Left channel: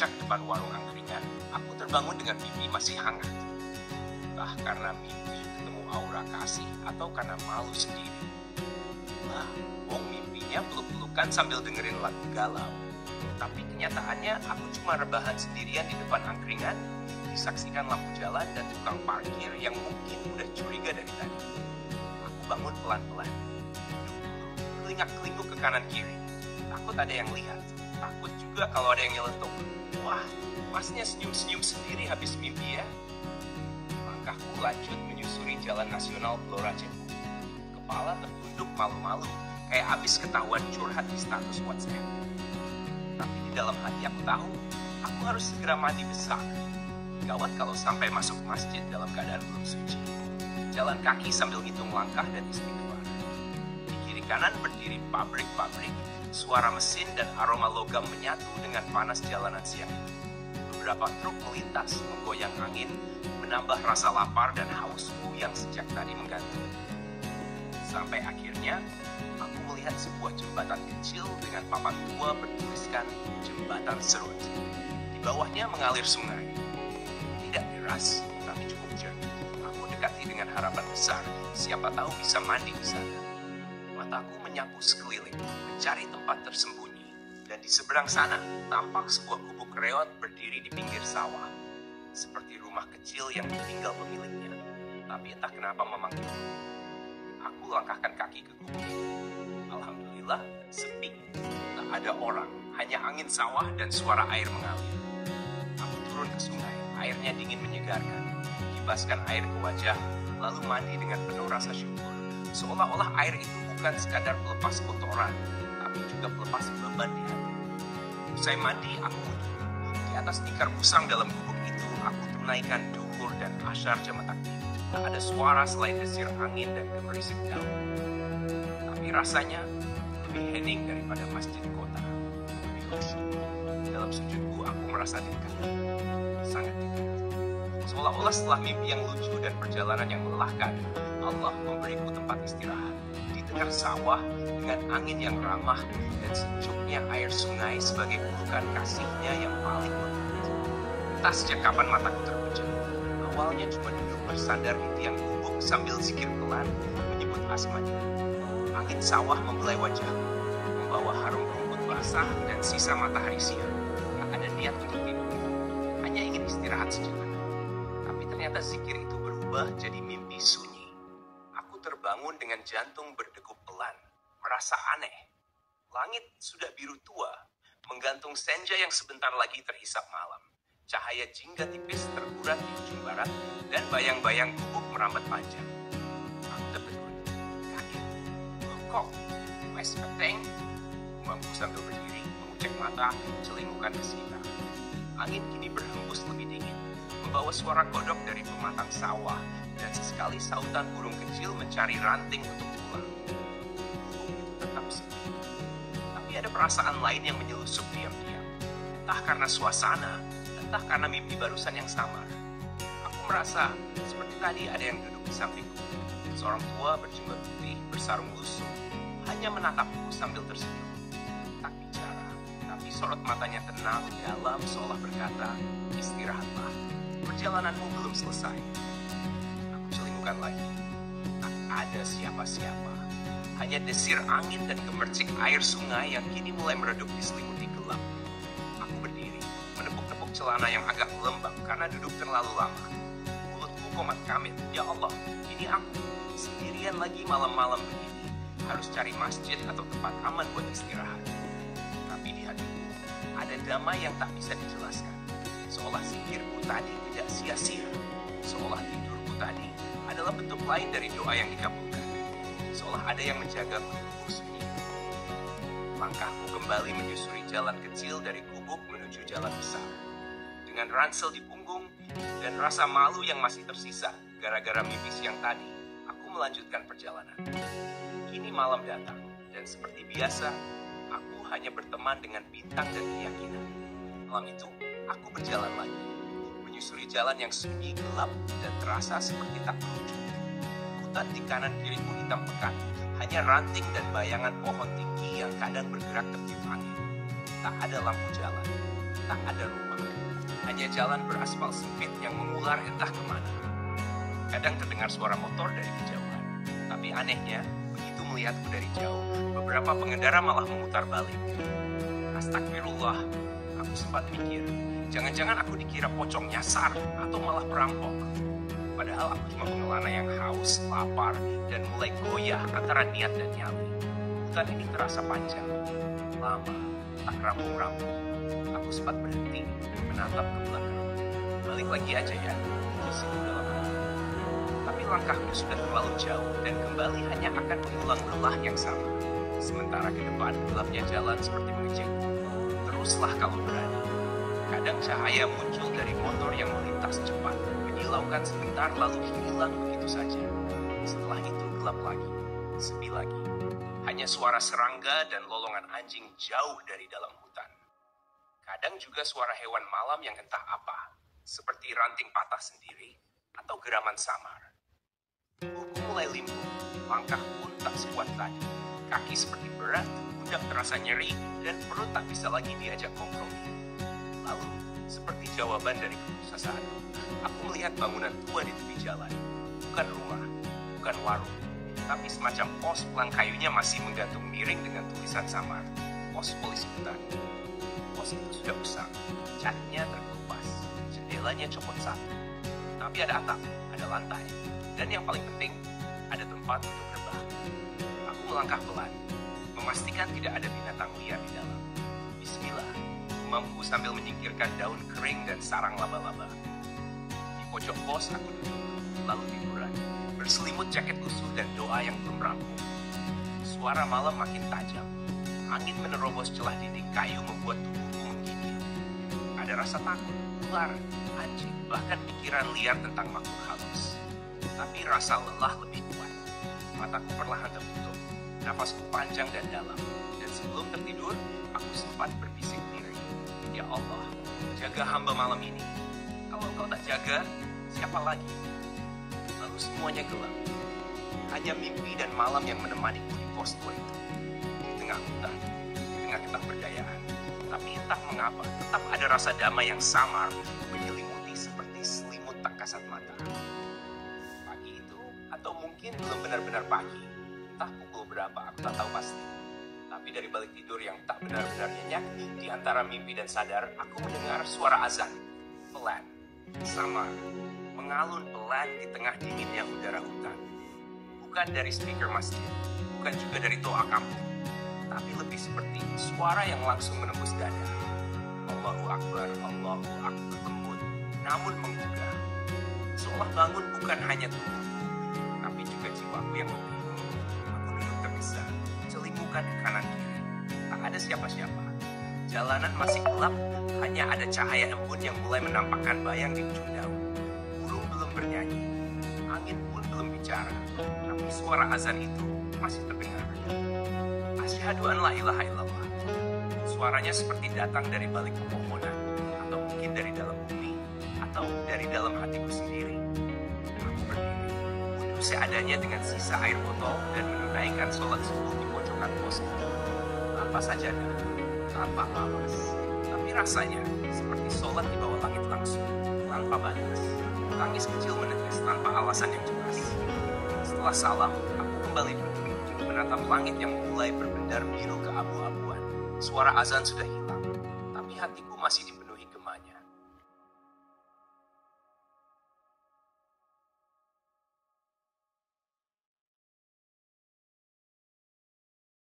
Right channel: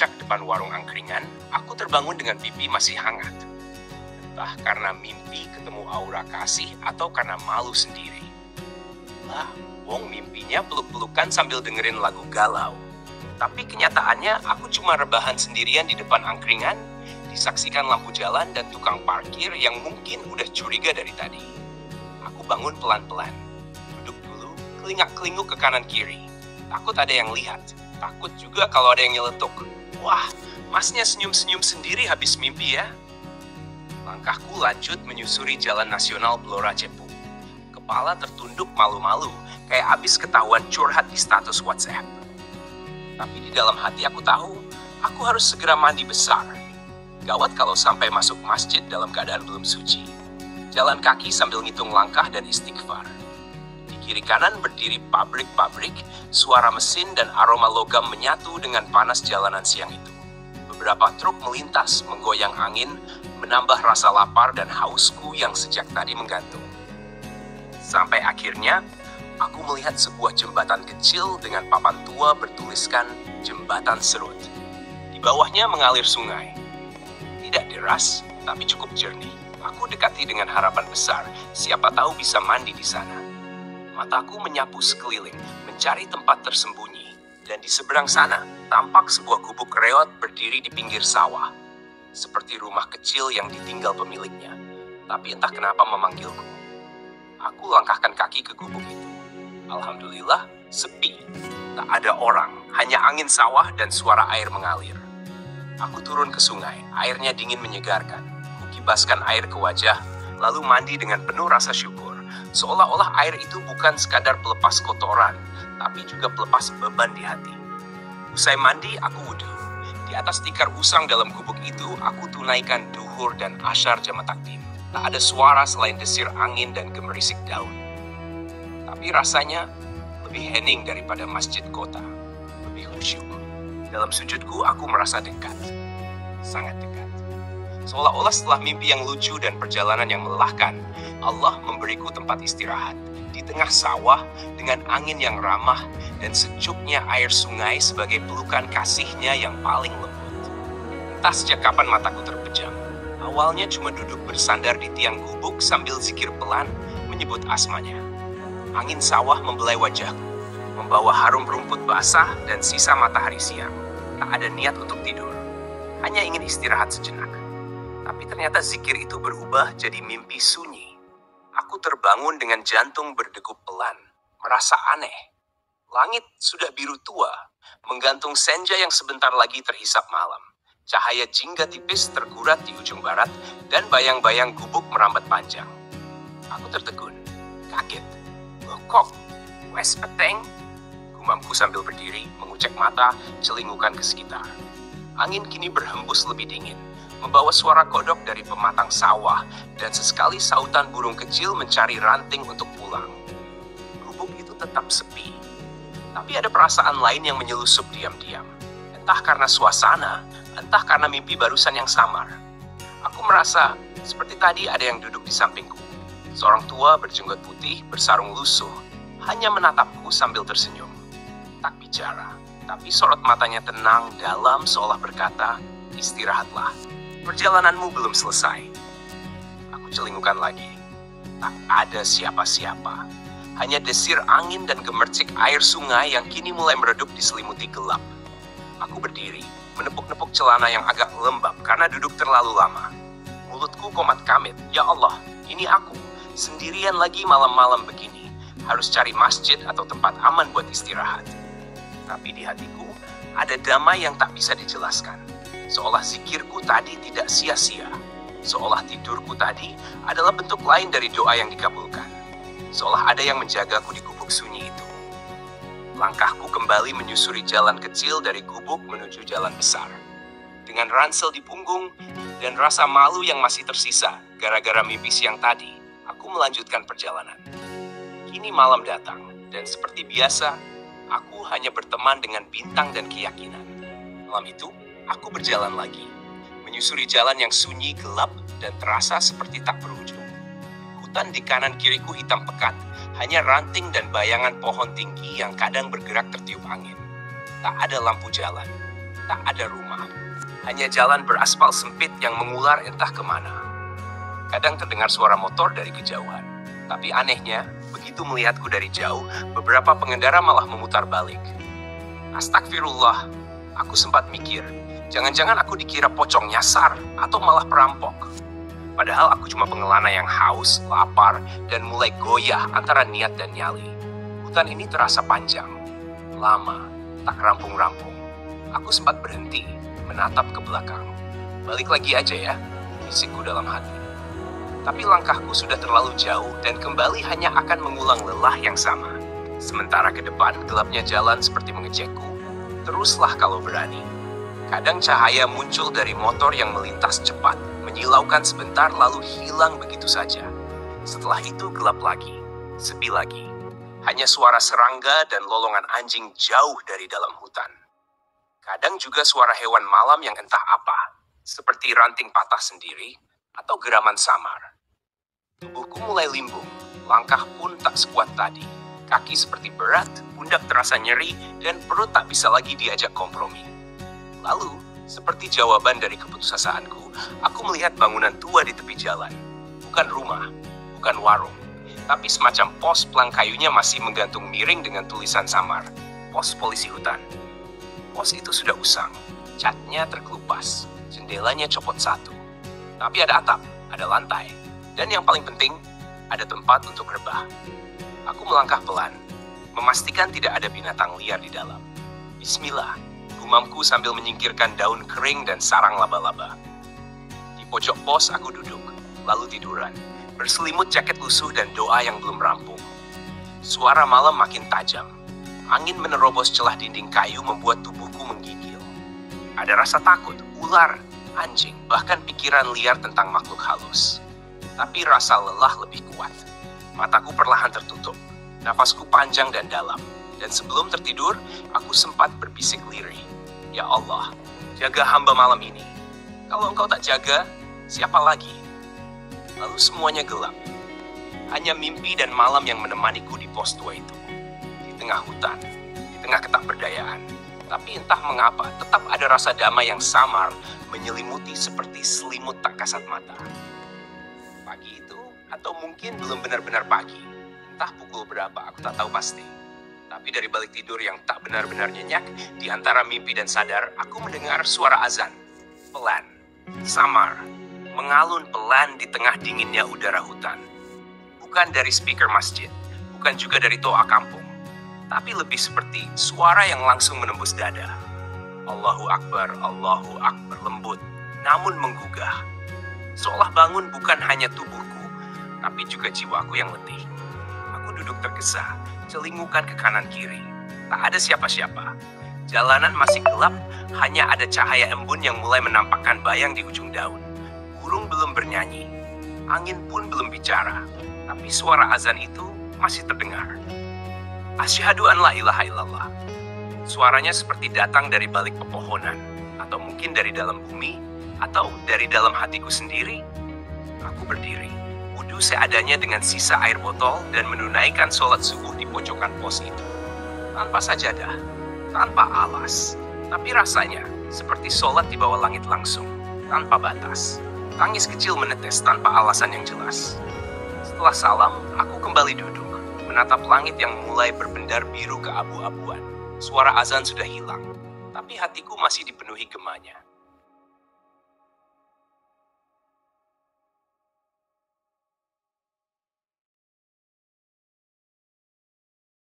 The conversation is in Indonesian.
puncak depan warung angkringan, aku terbangun dengan pipi masih hangat. Entah karena mimpi ketemu aura kasih atau karena malu sendiri. Lah, wong mimpinya peluk-pelukan sambil dengerin lagu galau. Tapi kenyataannya aku cuma rebahan sendirian di depan angkringan, disaksikan lampu jalan dan tukang parkir yang mungkin udah curiga dari tadi. Aku bangun pelan-pelan, duduk dulu, kelingak-kelinguk ke kanan kiri. Takut ada yang lihat, takut juga kalau ada yang nyeletuk. Wah, masnya senyum-senyum sendiri habis mimpi ya. Langkahku lanjut menyusuri jalan nasional Blora Cepu. Kepala tertunduk malu-malu, kayak abis ketahuan curhat di status WhatsApp. Tapi di dalam hati aku tahu, aku harus segera mandi besar. Gawat kalau sampai masuk masjid dalam keadaan belum suci. Jalan kaki sambil ngitung langkah dan istighfar. Di kiri kanan berdiri pabrik-pabrik, suara mesin dan aroma logam menyatu dengan panas jalanan siang itu. Beberapa truk melintas, menggoyang angin, menambah rasa lapar dan hausku yang sejak tadi menggantung. Sampai akhirnya, aku melihat sebuah jembatan kecil dengan papan tua bertuliskan Jembatan Serut. Di bawahnya mengalir sungai. Tidak deras, tapi cukup jernih. Aku dekati dengan harapan besar, siapa tahu bisa mandi di sana. Mataku menyapu sekeliling, mencari tempat tersembunyi. Dan di seberang sana, tampak sebuah gubuk reot berdiri di pinggir sawah. Seperti rumah kecil yang ditinggal pemiliknya. Tapi entah kenapa memanggilku. Aku langkahkan kaki ke gubuk itu. Alhamdulillah, sepi. Tak ada orang, hanya angin sawah dan suara air mengalir. Aku turun ke sungai, airnya dingin menyegarkan. Kibaskan air ke wajah, lalu mandi dengan penuh rasa syukur. Seolah-olah air itu bukan sekadar pelepas kotoran, tapi juga pelepas beban di hati. Usai mandi, aku wudhu. Di atas tikar usang dalam gubuk itu, aku tunaikan duhur dan asyar jamaah takdim. Tak ada suara selain desir angin dan gemerisik daun. Tapi rasanya lebih hening daripada masjid kota. Lebih khusyuk. Dalam sujudku, aku merasa dekat. Sangat dekat. Seolah-olah setelah mimpi yang lucu dan perjalanan yang melelahkan, Allah memberiku tempat istirahat. Di tengah sawah, dengan angin yang ramah dan sejuknya air sungai sebagai pelukan kasihnya yang paling lembut. Entah sejak kapan mataku terpejam. Awalnya cuma duduk bersandar di tiang gubuk sambil zikir pelan menyebut asmanya. Angin sawah membelai wajahku, membawa harum rumput basah dan sisa matahari siang. Tak ada niat untuk tidur, hanya ingin istirahat sejenak. Tapi ternyata zikir itu berubah jadi mimpi sunyi. Aku terbangun dengan jantung berdegup pelan, merasa aneh. Langit sudah biru tua, menggantung senja yang sebentar lagi terhisap malam. Cahaya jingga tipis terkurat di ujung barat, dan bayang-bayang gubuk merambat panjang. Aku tertegun, kaget. Kok, wes peteng? Gumamku sambil berdiri, mengucek mata, celingukan ke sekitar. Angin kini berhembus lebih dingin, membawa suara kodok dari pematang sawah, dan sesekali sautan burung kecil mencari ranting untuk pulang. Gubuk itu tetap sepi, tapi ada perasaan lain yang menyelusup diam-diam. Entah karena suasana, entah karena mimpi barusan yang samar. Aku merasa seperti tadi ada yang duduk di sampingku. Seorang tua berjenggot putih, bersarung lusuh, hanya menatapku sambil tersenyum. Tak bicara, tapi sorot matanya tenang, dalam, seolah berkata, istirahatlah, perjalananmu belum selesai. Aku celingukan lagi. Tak ada siapa-siapa. Hanya desir angin dan gemercik air sungai yang kini mulai meredup diselimuti gelap. Aku berdiri, menepuk-nepuk celana yang agak lembab karena duduk terlalu lama. Mulutku komat kamit, ya Allah, ini aku, sendirian lagi malam-malam begini. Harus cari masjid atau tempat aman buat istirahat. Tapi di hatiku, ada damai yang tak bisa dijelaskan. Seolah zikirku tadi tidak sia-sia. Seolah tidurku tadi adalah bentuk lain dari doa yang dikabulkan. Seolah ada yang menjagaku di gubuk sunyi itu. Langkahku kembali menyusuri jalan kecil dari gubuk menuju jalan besar. Dengan ransel di punggung dan rasa malu yang masih tersisa gara-gara mimpi siang tadi, aku melanjutkan perjalanan. Kini malam datang, dan seperti biasa, aku hanya berteman dengan bintang dan keyakinan. Malam itu, aku berjalan lagi, menyusuri jalan yang sunyi, gelap, dan terasa seperti tak berujung. Hutan di kanan kiriku hitam pekat, hanya ranting dan bayangan pohon tinggi yang kadang bergerak tertiup angin. Tak ada lampu jalan, Tak ada rumah, hanya jalan beraspal sempit yang mengular entah kemana. Kadang terdengar suara motor dari kejauhan, tapi anehnya, begitu melihatku dari jauh, beberapa pengendara malah memutar balik. Astagfirullah, aku sempat mikir, jangan-jangan aku dikira pocong nyasar atau malah perampok. Padahal aku cuma pengelana yang haus, lapar, dan mulai goyah antara niat dan nyali. Hutan ini terasa panjang, lama, tak rampung-rampung. Aku sempat berhenti, menatap ke belakang. Balik lagi aja ya, bisikku dalam hati. Tapi langkahku sudah terlalu jauh dan kembali hanya akan mengulang lelah yang sama. Sementara ke depan gelapnya jalan seperti mengejekku. Teruslah kalau berani. Kadang cahaya muncul dari motor yang melintas cepat, menyilaukan sebentar lalu hilang begitu saja. Setelah itu gelap lagi, sepi lagi. Hanya suara serangga dan lolongan anjing jauh dari dalam hutan. Kadang juga suara hewan malam yang entah apa, seperti ranting patah sendiri atau geraman samar. Tubuhku mulai limbung, langkah pun tak sekuat tadi. Kaki seperti berat, pundak terasa nyeri, dan perut tak bisa lagi diajak kompromi. Lalu, seperti jawaban dari keputusasaan,ku, aku melihat bangunan tua di tepi jalan. Bukan rumah, bukan warung, tapi semacam pos pelang kayunya masih menggantung miring dengan tulisan samar, pos polisi hutan. Pos itu sudah usang, catnya terkelupas, jendelanya copot satu. Tapi ada atap, ada lantai, dan yang paling penting, ada tempat untuk rebah. Aku melangkah pelan, memastikan tidak ada binatang liar di dalam. Bismillah, gumamku sambil menyingkirkan daun kering dan sarang laba-laba. Di pojok pos aku duduk, lalu tiduran, berselimut jaket lusuh dan doa yang belum rampung. Suara malam makin tajam. Angin menerobos celah dinding kayu membuat tubuhku menggigil. Ada rasa takut, ular, anjing, bahkan pikiran liar tentang makhluk halus. Tapi rasa lelah lebih kuat. Mataku perlahan tertutup, nafasku panjang dan dalam. Dan sebelum tertidur, aku sempat berbisik lirih. Ya Allah, jaga hamba malam ini. Kalau engkau tak jaga, siapa lagi? Lalu semuanya gelap. Hanya mimpi dan malam yang menemaniku di pos tua itu. Di tengah hutan, di tengah ketakberdayaan. Tapi entah mengapa, tetap ada rasa damai yang samar menyelimuti seperti selimut tak kasat mata. Pagi itu, atau mungkin belum benar-benar pagi. Entah pukul berapa, aku tak tahu pasti. Tapi dari balik tidur yang tak benar-benar nyenyak, di antara mimpi dan sadar, aku mendengar suara azan. Pelan, samar, mengalun pelan di tengah dinginnya udara hutan. Bukan dari speaker masjid, bukan juga dari toa kampung. Tapi lebih seperti suara yang langsung menembus dada. Allahu Akbar, lembut, namun menggugah. Seolah bangun bukan hanya tubuhku, tapi juga jiwaku yang letih. Aku duduk tergesa, celingukan ke kanan kiri. Tak ada siapa-siapa. Jalanan masih gelap, hanya ada cahaya embun yang mulai menampakkan bayang di ujung daun. Burung belum bernyanyi, angin pun belum bicara, tapi suara azan itu masih terdengar. Asyhadu an la ilaha illallah. Suaranya seperti datang dari balik pepohonan, atau mungkin dari dalam bumi, atau dari dalam hatiku sendiri. Aku berdiri, wudhu seadanya dengan sisa air botol dan menunaikan sholat subuh di pojokan pos itu. Tanpa sajadah, tanpa alas, tapi rasanya seperti sholat di bawah langit langsung, tanpa batas. Tangis kecil menetes tanpa alasan yang jelas. Setelah salam, aku kembali duduk, menatap langit yang mulai berbendar biru keabu-abuan. Suara azan sudah hilang, tapi hatiku masih dipenuhi gemanya.